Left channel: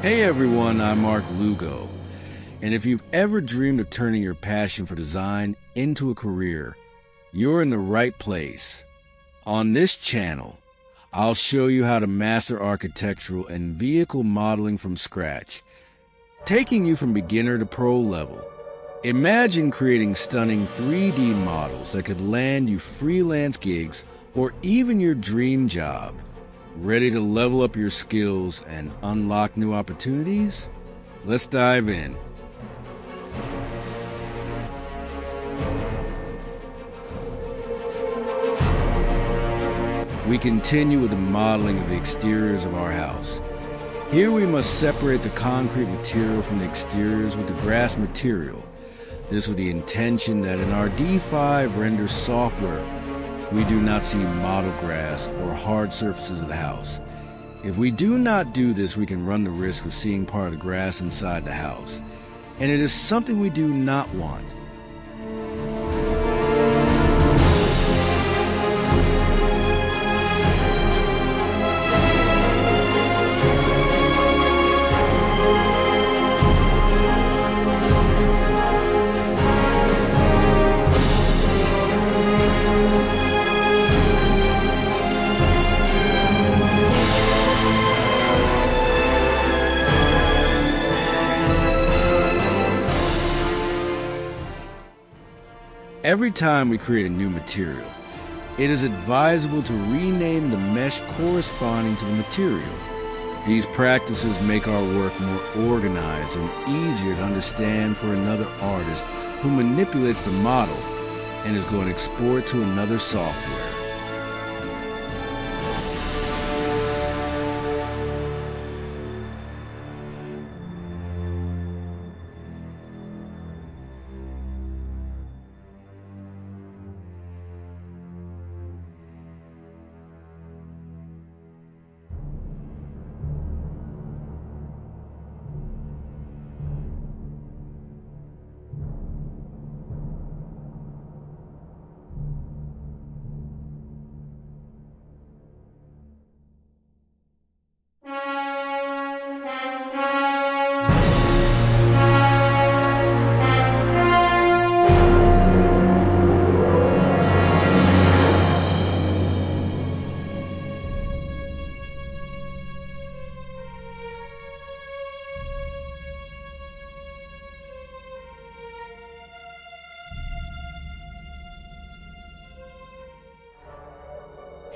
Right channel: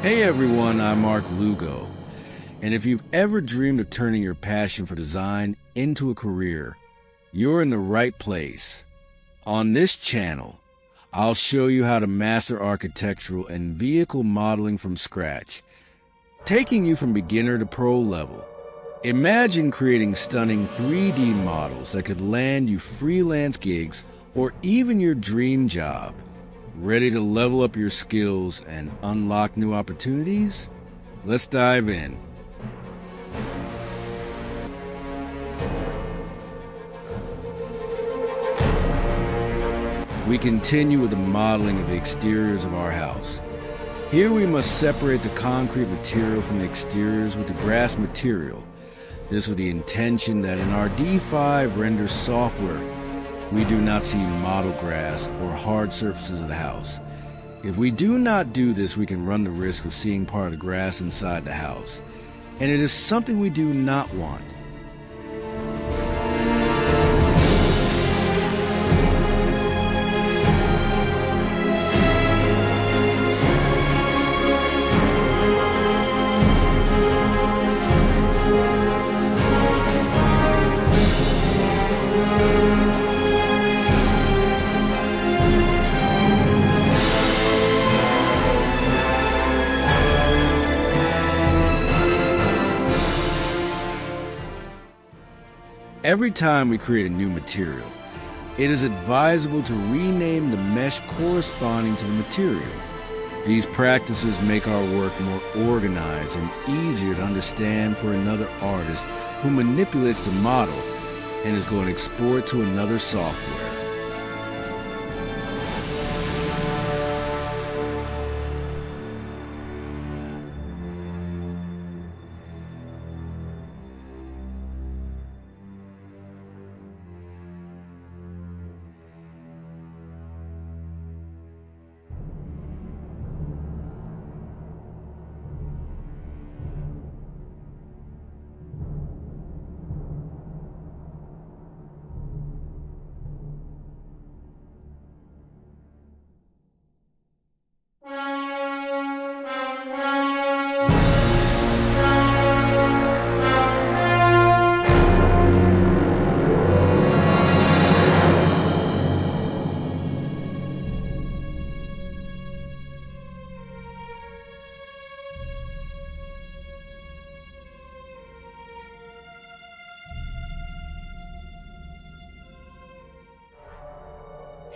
Hey everyone, I'm Lugo. And if you've ever dreamed of turning your passion for design into a career, you're in the right place. On this channel, I'll show you how to master architectural and vehicle modeling from scratch, taking you from beginner to pro level. Imagine creating stunning 3D models that could land you freelance gigs or even your dream job. Ready to level up your skills and unlock new opportunities? Let's dive in. We continue with the modeling of the exteriors of our house. Here we must separate the concrete material from the exteriors with the grass material. This with the intention that in our D5 render software, we do not see model grass or hard surfaces of the house. If we do not do this, we can run the risk of seeing part of the grass inside the house, and it is something we do not want. Every time we create a new material, it is advisable to rename the mesh corresponding to the material. These practices make our work more organized and easier to understand for another artist who manipulates the model and is going to export to another software.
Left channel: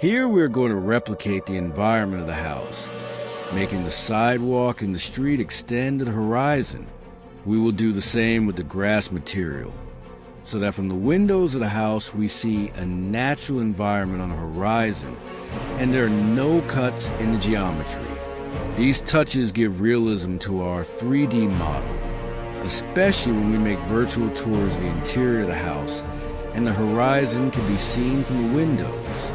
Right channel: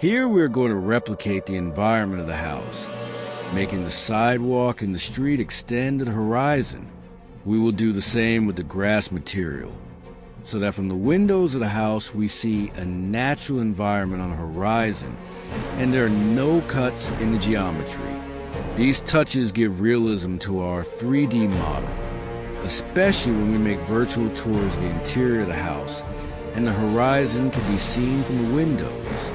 Here we're going to replicate the environment of the house, making the sidewalk and the street extend to the horizon. We will do the same with the grass material, so that from the windows of the house we see a natural environment on the horizon and there are no cuts in the geometry. These touches give realism to our 3D model, especially when we make virtual tours of the interior of the house and the horizon can be seen from the windows.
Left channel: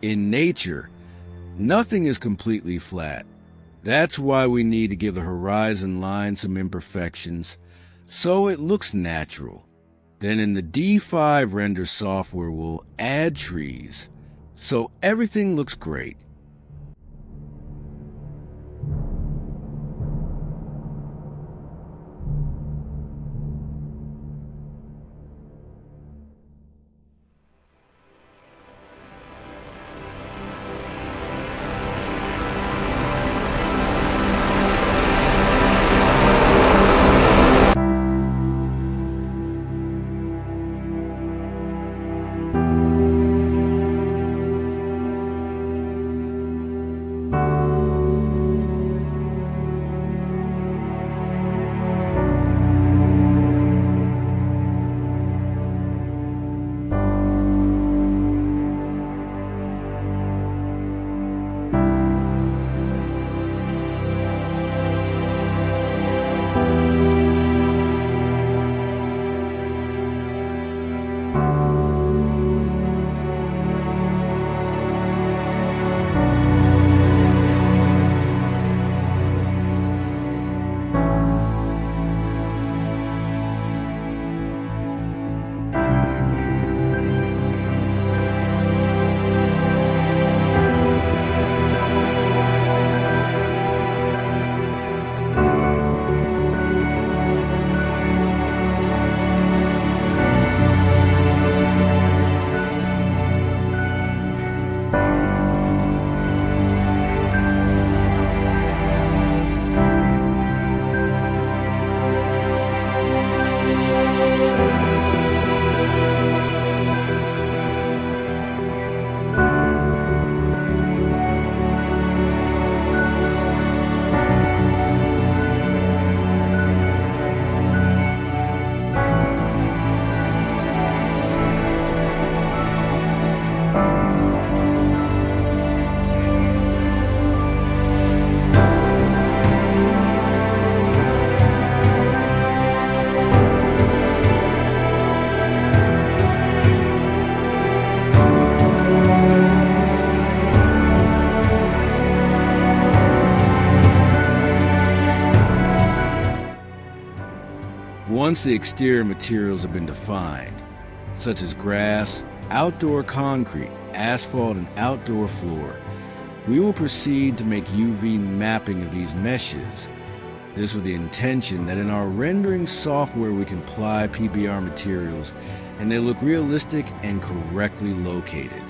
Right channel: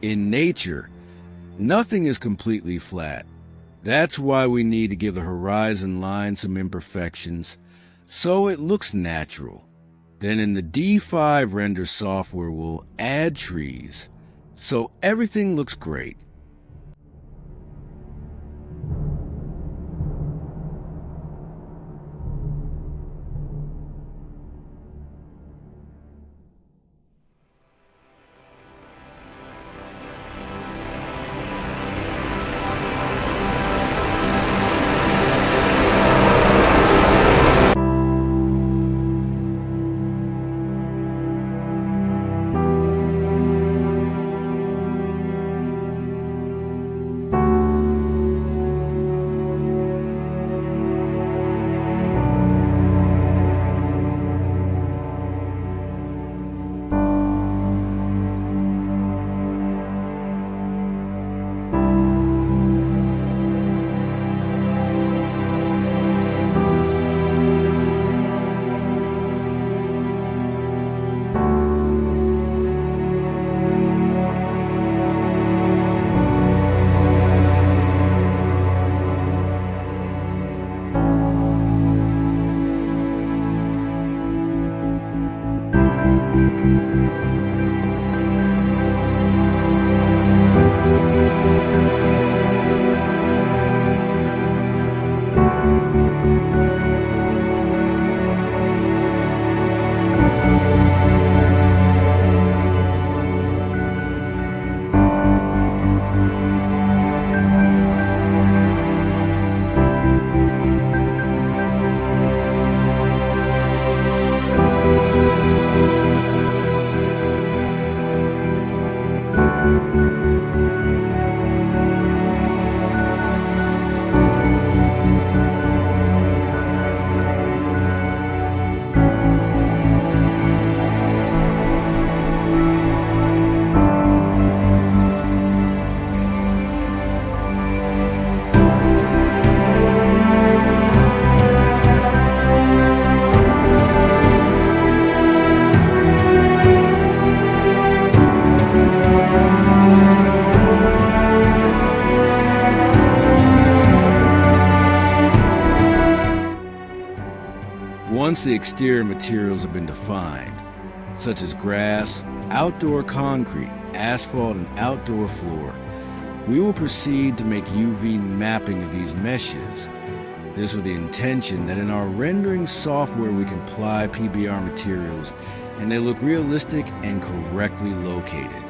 In nature, nothing is completely flat. That's why we need to give the horizon line some imperfections so it looks natural. Then in the D5 render software, we'll add trees so everything looks great. Once the exterior materials have been defined, such as grass, outdoor concrete, asphalt, and outdoor floor, we will proceed to make UV mapping of these meshes. This with the intention that in our rendering software we can apply PBR materials and they look realistic and correctly located.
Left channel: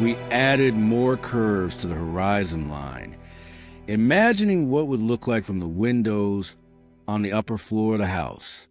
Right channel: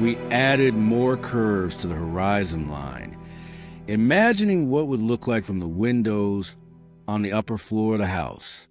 We added more curves to the horizon line, imagining what would look like from the windows on the upper floor of the house.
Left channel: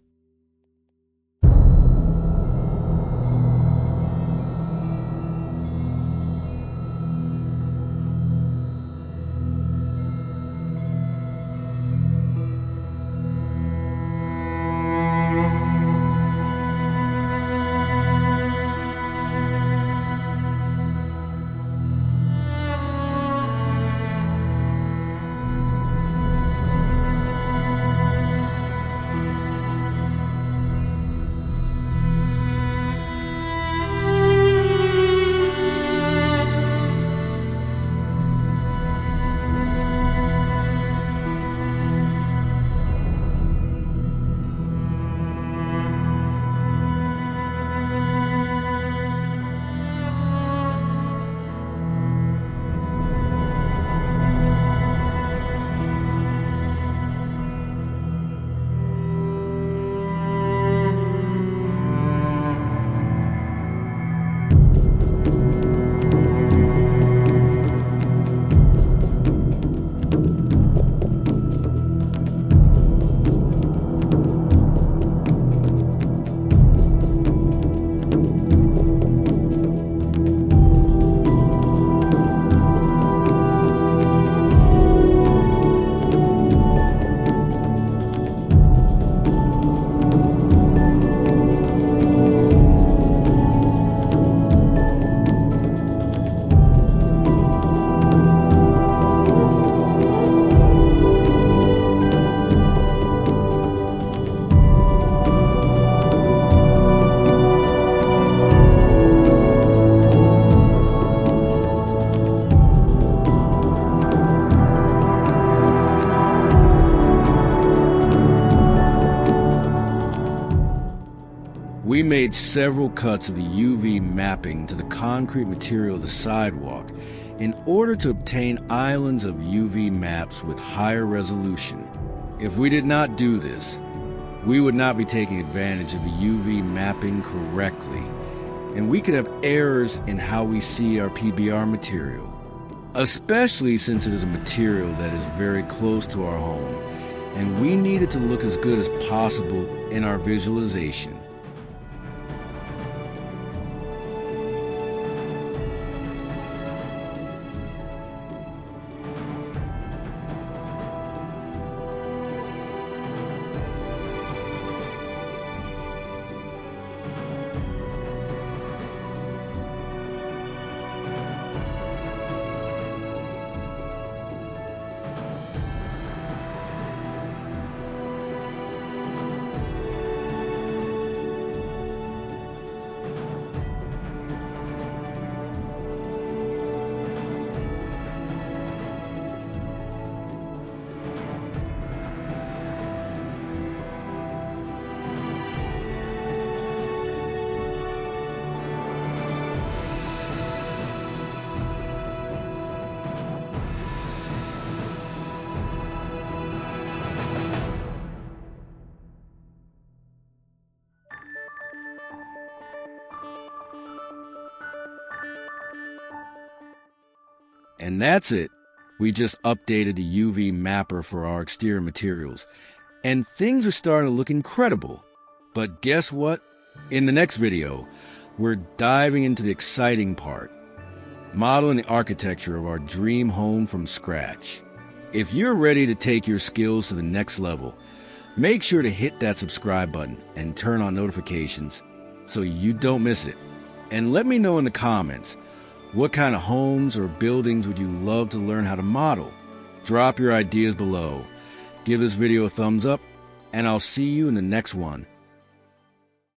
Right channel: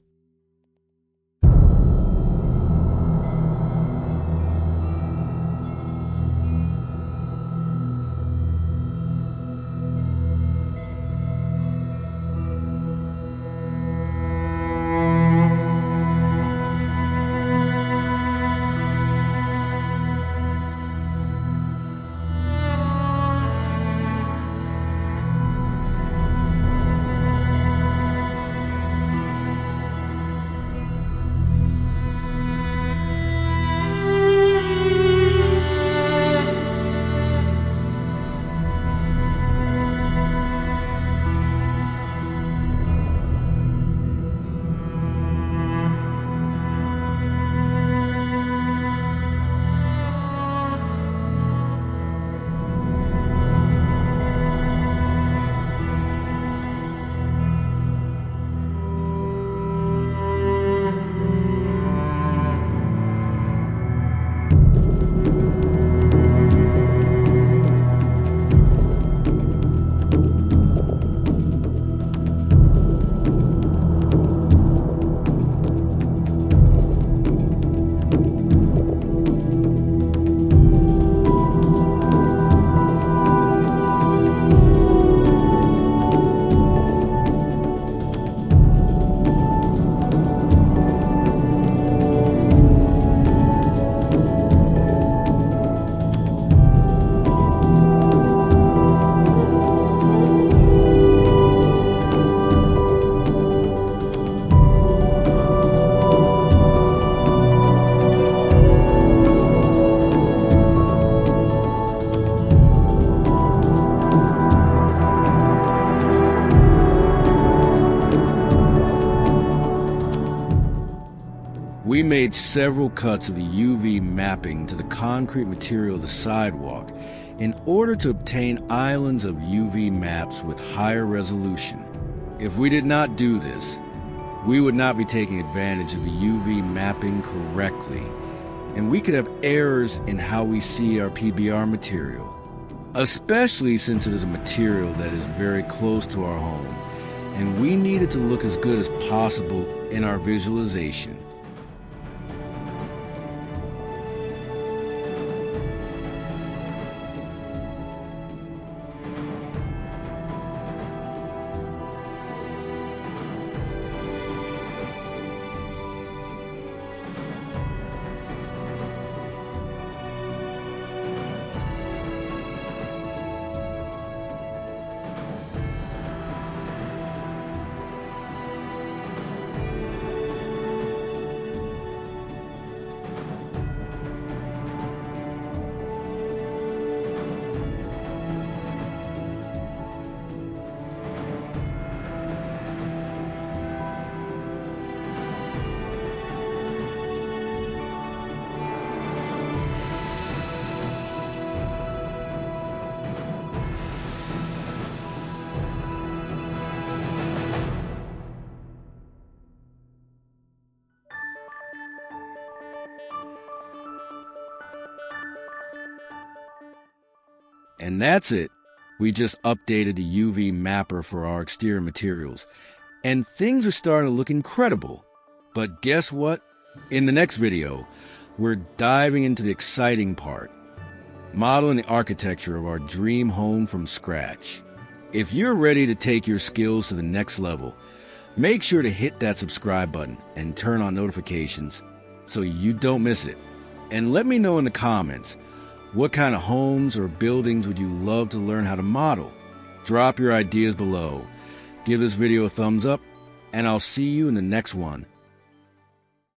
We made several cuts of the UV mapping to the concrete material of the sidewalk in order to obtain islands of UV maps with higher resolution. If we did not do this, we would not be taking advantage of the UV mapping correctly, and we could have errors in how we see our PBR material, especially since it is a material that is very close to our home, and we need it to look as good as possible in our visualization. And that's it. We just updated the UV mapper for our exterior materials, and things are starting to look incredible. But guess what? In the next video, we're diving into the exciting part, modeling the architecture of our dream home from scratch. If you're ready to take your skills to the next level, make sure to hit that subscribe button and turn on notifications so you don't miss it. And let me know in the comments, what kind of homes or buildings would you love to learn how to model? Drop your ideas below. Give this video a thumbs up, and I'll see you in the next one.